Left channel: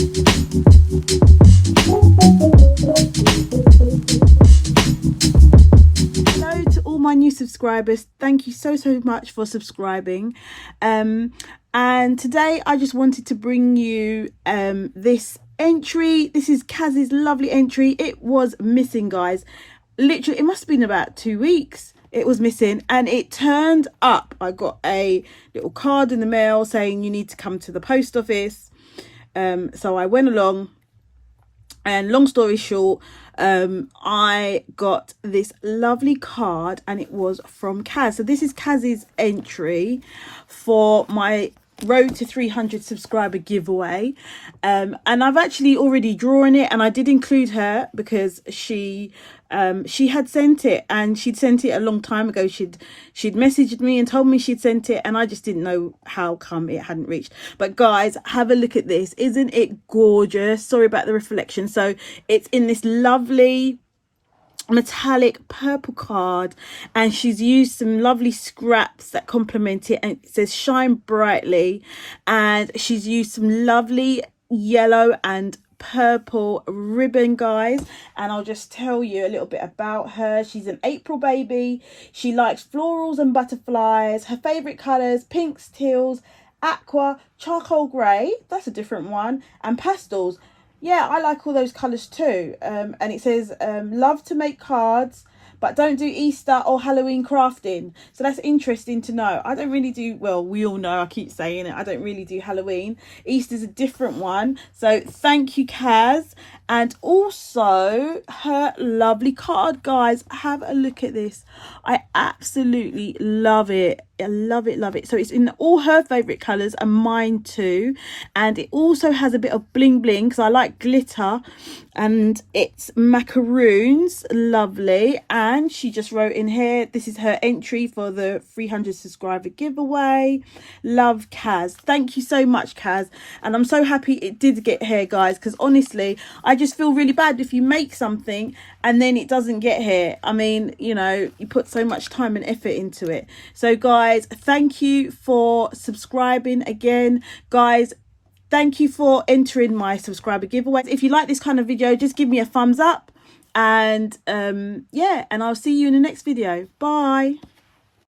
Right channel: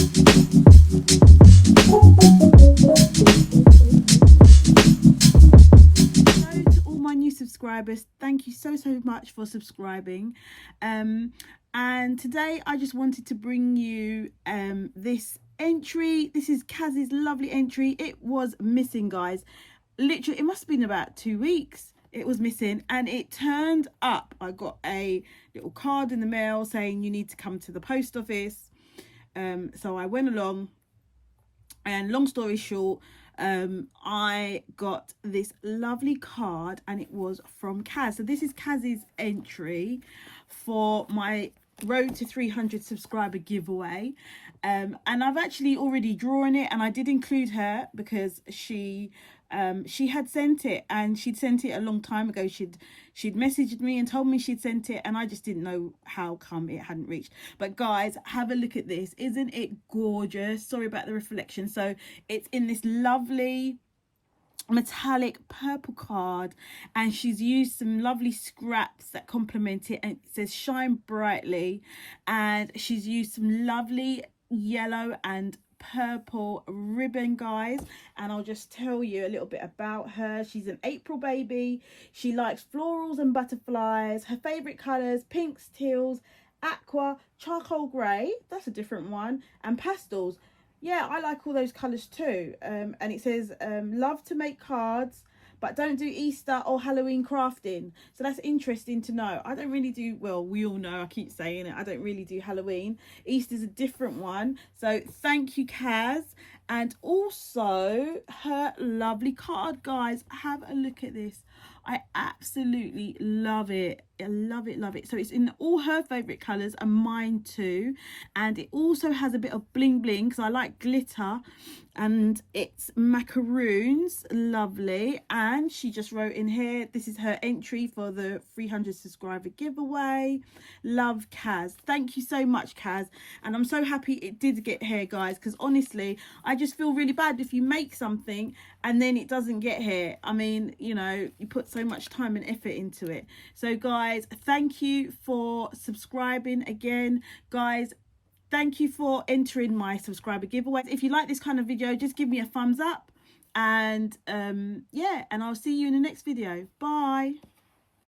Hello to all my new subscribers. Thank you so much for subscribing. And today I just wanted to bring you this entry. This is Kaz's lovely entry. It was missing, guys. Literally, it must have been about 2 weeks. It was missing and it turned up. I got a little card in the mail saying you need to come to the post office. So I went along, and long story short, I got this lovely card and it was from Kaz. So this is Kaz's entry for my Road to 300 subscriber giveaway, and I've actually already drawn it, and I did include her because she had sent it, and she'd sent it a long time ago. She'd messaged me and told me she'd sent it, and I just didn't know how come it hadn't reached. But guys, have a look at this. Isn't it gorgeous? Sorry about the reflection. So it's in this lovely metallic purple card, and she's used some lovely scraps that complement it, and it says shine brightly, and she's used some lovely yellow and purple ribbon, guys. And I'll just tell you a little bit about her. She's an April baby. She likes florals and butterflies. Her favorite colors: pinks, teals, aqua, charcoal grey, that's a different one, and pastels. Yeah, I like all those colours too. And it says, love to make cards, but don't do Easter or Halloween crafting. So that's interesting to know. I don't really do, well, we all know, I keep saying it, I don't really do Halloween. Easter's a different one. So thank you, Kaz. And also her lovely card, guys. Have a look at this. I absolutely love it. I love it, love it. So it's in all her favourite colours and mine too. And it also has a bit of bling bling because I like glitter. And it's macaroons, lovely. And she just wrote in here, this is her entry for the 300 subscriber giveaway. Love, Kaz. Thank you so much, Kaz. And I'm so happy it did get here, guys, because honestly, I just feel really bad if you make something and then it doesn't get here. I mean, you know, you put so much time and effort into it. So guys, thank you for subscribing again, guys. Thank you for entering my subscriber giveaway. If you like this kind of video, just give me a thumbs up, and yeah, and I'll see you in the next video. Bye.